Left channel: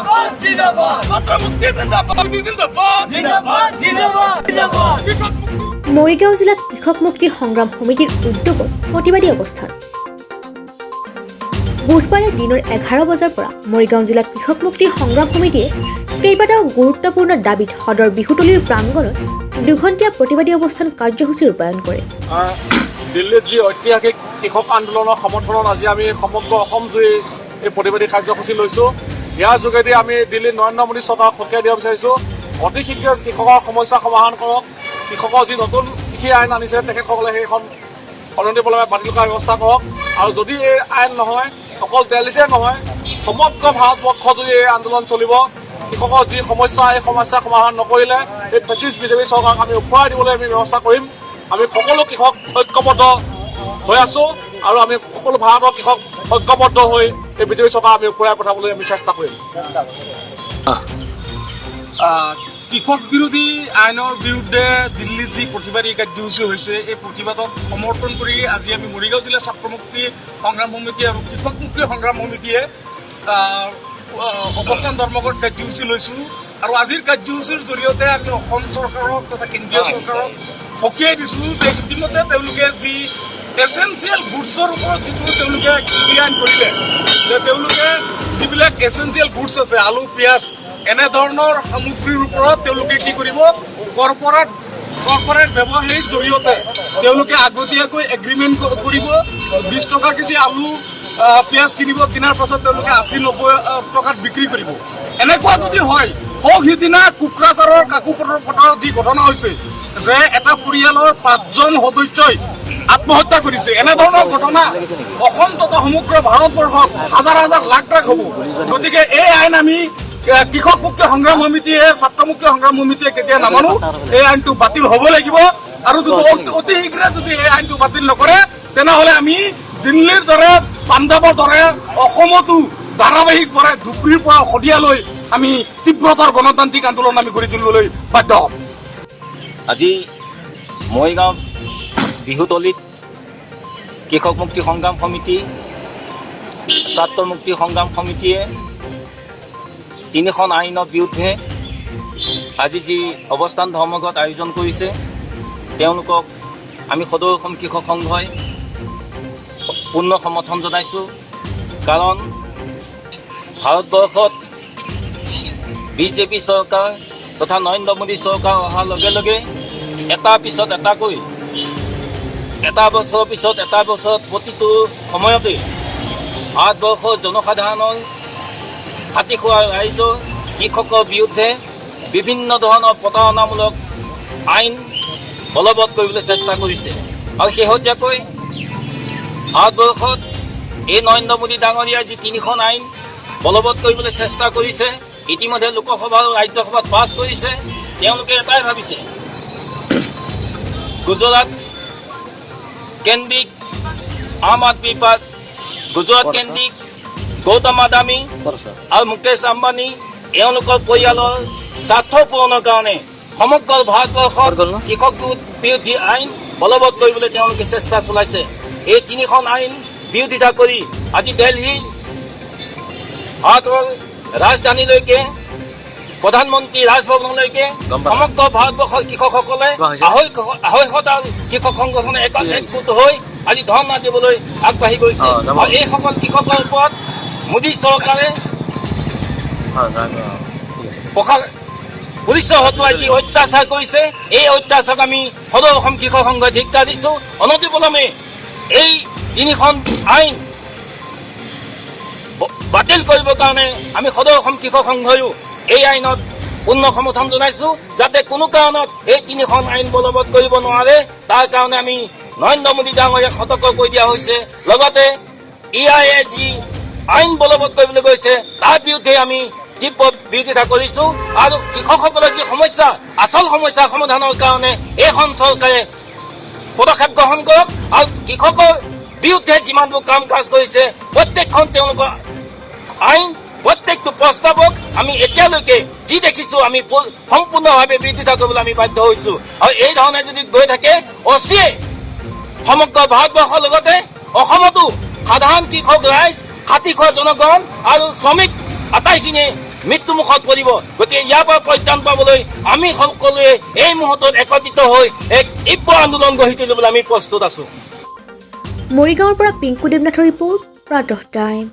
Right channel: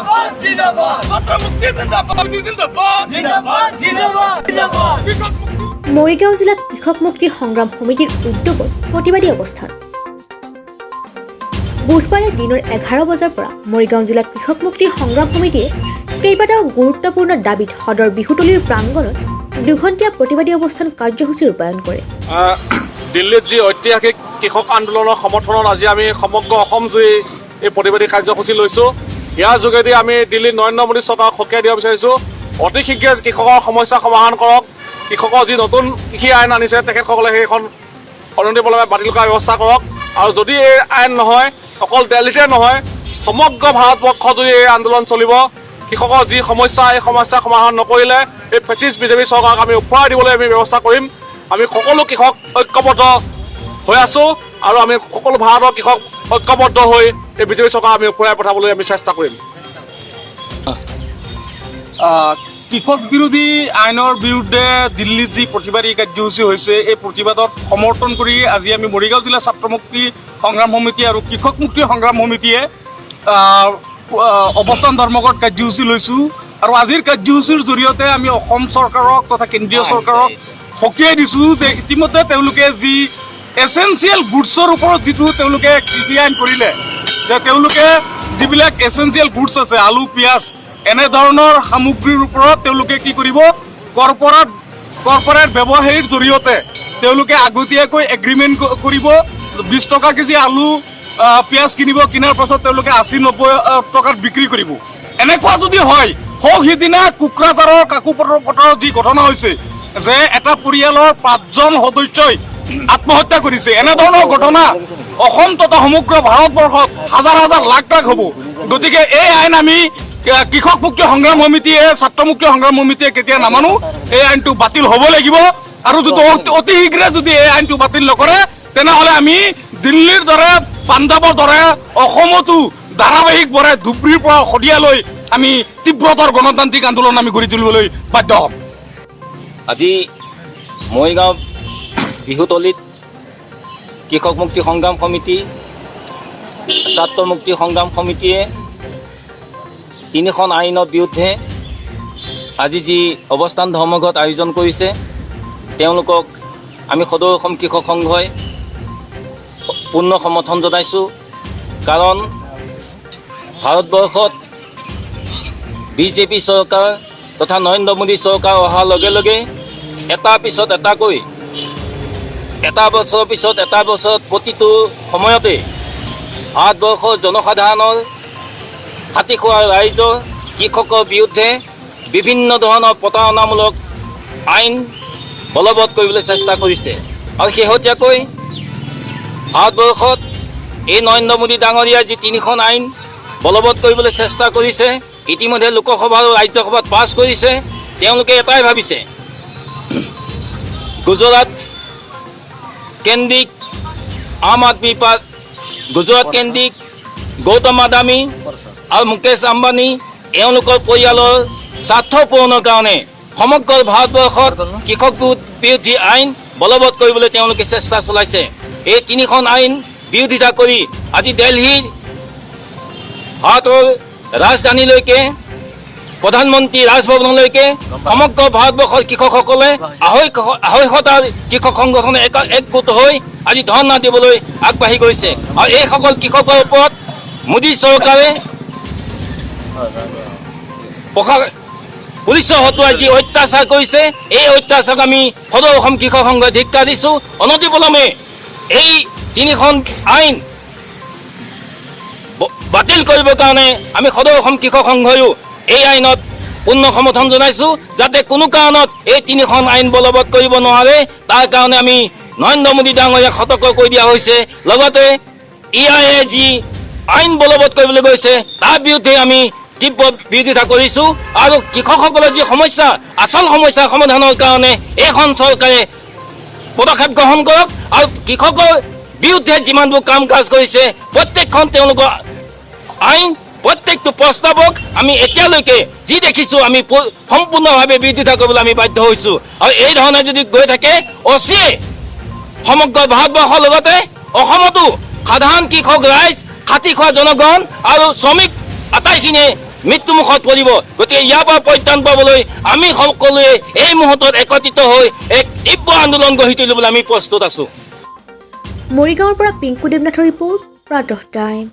জিন্দাবাদ জিন্দাবাদ ছাত্ৰ মুক্তি জিন্দাবাদ জিন্দাবাদ জিন্দাবাদ জিন্দাবাদ জিন্দাবাদ কৃষক মুক্তি। মৰিগাঁও জিলাত কৃষক মুক্তি সংগ্ৰাম সমিতিৰ উদ্যোগত প্ৰতিবাদী অৱস্থান। বুধবাৰে দিনৰ 11 বজাৰ পৰা মৰিগাঁও জিলাত কৃষক মুক্তি সংগ্ৰাম সমিতিয়ে কেইবাটাও গুৰুত্বপূৰ্ণ দাবীত সদৰ বিহুতলীৰ প্ৰাংগণত দুঘণ্টীয়া প্ৰতিবাদী অৱস্থান কাৰ্যসূচী ৰূপায়ণ কৰে। দিল্লীত যি ঐতিহাসিক কৃষক আন্দোলনৰ সমৰ্থনত আজি আমি সমগ্ৰ অসমজুৰি এই প্ৰতিবাদী কাৰ্যসূচী লৈছোঁ। ইয়াৰ যোগেদি আমি দিল্লীত নৰেন্দ্ৰ মোদী চৰকাৰক সকীয়াই দিব বিচাৰিছোঁ, অতি শীঘ্ৰে কৃষকৰ সমস্যা সমাধান কৰক। কৃষকৰ যি নতুন কৃষি আইন আনিছে তেখেতসকলে সেইখন অনতিপলমে বাতিল কৰাৰ ব্যৱস্থা কৰক। আৰু যদি এই আইন নহয়, অকল দিল্লীতে নহয় সমগ্ৰ ভাৰতবৰ্ষজুৰি এই আন্দোলন চলিব। কৃষকৰ যি সমস্যা, এই সমস্যা সমাধান নকৰিলে এই ফেচিষ্ট বিজেপি চৰকাৰক আমি উফৰাই দিবলৈ আমি ব্যৱস্থা কৰিম। আমি সকলো কৃষক ঐক্যবদ্ধ হৈ আছোঁ আৰু আমি সকলো ভাৰতৰ কৃষক ঐক্যবদ্ধ হৈ এই বিজেপি চৰকাৰ আমি উফৰাই পঠাবলৈ আমি চেষ্টা কৰিম। কৃষক বিৰোধী আইনৰ বিৰুদ্ধে দিল্লীত যি প্ৰতিবাদী কাৰ্যসূচী হৈছে, এই প্ৰতিবাদত সমৰ্থন কৰি আজি আমি মৰিগাঁও জিলা ছাত্ৰ মুক্তি সংগ্ৰাম সমিতি আৰু কৃষক মুক্তি সংগ্ৰাম সমিতিয়ে অৱস্থান ধৰ্মঘট কাৰ্যসূচী লৈছোঁ। আৰু আজিৰ কাৰ্যসূচীৰ জৰিয়তে আমি অসম চৰকাৰক তথা কেন্দ্ৰীয় চৰকাৰক সকীয়াই দিছোঁ যে ইতিমধ্যে তেওঁলোকে যি এচেঞ্চিয়েল গুডছৰ ওপৰত যিটো তেওঁলোকে কৃষি আইন কৰিলে, যে তেওঁলোকে যিবিলাক এচেঞ্চিয়েল গুডছ আছে, আলু পিঁয়াজ এনেধৰণৰ সামগ্ৰীৰ ওপৰত তেওঁলোকে কি কৰিব, কৰ্পৰেট ব্যৱসায়ীৰ জৰিয়তে তেওঁলোকে আগতীয়াকৈ এগ্ৰিমেণ্ট কৰিব। 20 টকা কেজি আলু পিঁয়াজ কিনাৰ পাছত তেওঁলোকে 80-90 টকাত বিক্ৰী কৰিব। এনেকুৱা যদি হয়, সিদিনা কোকৰাঝাৰৰ কাকোপথাৰত যি ঘটনা হৈছে যে এটা পৰিয়ালৰ 5জন সদস্যই আত্মহত্যা কৰিছে, এনেধৰণৰ ঘটনা অসম তথা সমগ্ৰ ভাৰতবৰ্ষত হাজাৰ হাজাৰ লাখ লাখ হ'ব। গতিকে এই আইন আমি কৃষক মুক্তি সংগ্ৰাম সমিতিয়ে, ছাত্ৰ মুক্তি সংগ্ৰাম সমিতিয়ে কেতিয়া নামানো। এই আইনটো বাতিল হ'ব লাগিব আৰু যদি অতি শীঘ্ৰে যদি এই আইনটো বাতিল নকৰে তেনেহ'লে আমি দিল্লীৰ দৰে, পাঞ্জাৱৰ দৰে অসমতো ধাৰাবাহিকভাৱে ধুবুৰীৰ পৰা শদিয়ালৈ আমি তীব্ৰতৰ গণতান্ত্ৰিক আন্দোলন আমি গঢ়ি তুলিবলৈ বাধ্য হ'ম। আজি মৰিগাঁও বিহুতলীত কৃষক মুক্তি সংগ্ৰাম সমিতি, ছাত্ৰ মুক্তি সংগ্ৰাম সমিতিয়ে 3খন আইনৰ বিৰুদ্ধে আজি যি অৱস্থান ধৰ্মঘট আয়োজন কৰিছে, তেওঁলোকক আমি সদৌ অসম কৃষক সংঘই পূৰ্ণ সমৰ্থন জনাইছোঁ। কাৰণ ভাৰতবৰ্ষত বিজেপি চৰকাৰ তথা নৰেন্দ্ৰ মোদী চৰকাৰ অহাৰ লগে লগে এটাৰ পিছত এটাকৈ, এটা বছৰৰ পিছত এটা বছৰত প্ৰতিটো সময়তে ভাৰতবৰ্ষৰ জনসাধাৰণৰ, খাতি খোৱা ৰাইজৰ, কৃষকৰ বিৰুদ্ধে বিভিন্ন ধৰণৰ প্ৰতাৰণামূলক আইন বলবৎ কৰিবলৈ চেষ্টা কৰিছে। আৰু শেহতীয়াকৈ ভাৰতবৰ্ষত এই নৰেন্দ্ৰ মোদী ডাঙৰীয়াই যি 3খন আইন বলবৎ কৰিবলৈ চেষ্টা কৰিছে, ইতিমধ্যে লোকসভা আৰু ৰাজ্যসভাত পাছ কৰিছে। তেওঁলোকে এটাই ভাবিছে, গুজৰাট কেন্দ্ৰিক আম আদমি পাৰ্টি, গুজৰাট কেন্দ্ৰিক গৌতম আদানী আৰু মুকেশ আম্বানী এওঁলোকৰ পৰিয়ালৰ স্বাৰ্থ পূৰণৰ কাৰণে সমগ্ৰ ভাৰতবৰ্ষত কৃষক বিৰোধী আইন বলবৎ কৰিবলৈ তেওঁলোকে চেষ্টা চলাইছে। এই 3খন আইন বিৰোধিতা কৰি আজি দিল্লীৰ ভাৰতৰ ৰাজধানীলৈকে, প্ৰধানমন্ত্ৰী ৰাজভৱনলৈকে সমগ্ৰ ভাৰতবৰ্ষৰ কৃষকসকলে 250টা কৃষক সংগঠনে একগোট হৈ আজি ধৰ্ণা দিবলৈ আগবাঢ়ি গৈছে। আৰু এইসকল কৃষকৰ ওপৰত মোদী চৰকাৰে পুলিচৰ হতুৱাই যি অত্যাচাৰ কৰিছে, এই অত্যাচাৰক আমি সদৌ অসম কৃষক সংঘই ধিক্কাৰ দিছোঁ। অনতিপলমে এই 3খন আইন বাতিল কৰিবৰ কাৰণে আমি সদৌ অসম কৃষক সংঘয়ো এই আইনত পূৰ্ণ সমৰ্থন জনাইছোঁ, যাতে কোনো কাৰণত এই 3খন আইন বলবৎ কৰিব নোৱাৰে। তাৰ কাৰণে আমি নৰেন্দ্ৰ মোদী ডাঙৰীয়াক সতৰ্ক কৰি দিয়া হৈছে। লগতে EIA যি আইন বলবৎ কৰিবলৈ গৈছে তাৰ বিৰুদ্ধে আমি তীব্ৰ বিৰোধিতা কৰিছোঁ। আৰু কৃষকসকলৰ যি সমস্যা, আচল সমস্যা সমাধানৰ কাৰণে এইখন চৰকাৰে পদক্ষেপ গ্ৰহণ কৰক। আৰু কৃষকৰ বিৰুদ্ধে যিমানবোৰ কাম কাজ কৰিছে প্ৰত্যেকখন তেওঁলোকৰ আইন, প্ৰত্যেকটো প্ৰস্তাৱক আমি এতিয়ালৈকে যি দেখিছোঁ আমি সম্পূৰ্ণভাৱে বিৰোধিতা কৰিবলৈ আমি বাধ্য হৈছোঁ। আৰু এই ধৰণে যদি গৈ থাকে, অচিয়ে সমগ্ৰ ভাৰতবৰ্ষৰ লগতে অসমতো সাধাৰণ কৃষক ৰাইজ, খাতি খোৱা জনগণ আৰু শ্ৰমিক আটাইখিনিয়ে মৃত্যুমুখত পৰিব। গতিকে ইয়াৰ পৰা পৰিত্ৰাণ পাবলৈ আমি সকলোৱে এই মুহূৰ্তত একত্ৰিত হৈ এক তীব্ৰ আন্দোলন গঢ়ি তুলিবলৈ আমি প্ৰস্তুত আছোঁ। মৰিগাঁৱৰ পৰা পিংকু দেৱনাথৰ ৰিপৰ্ট প্ৰাতঃ টাইম।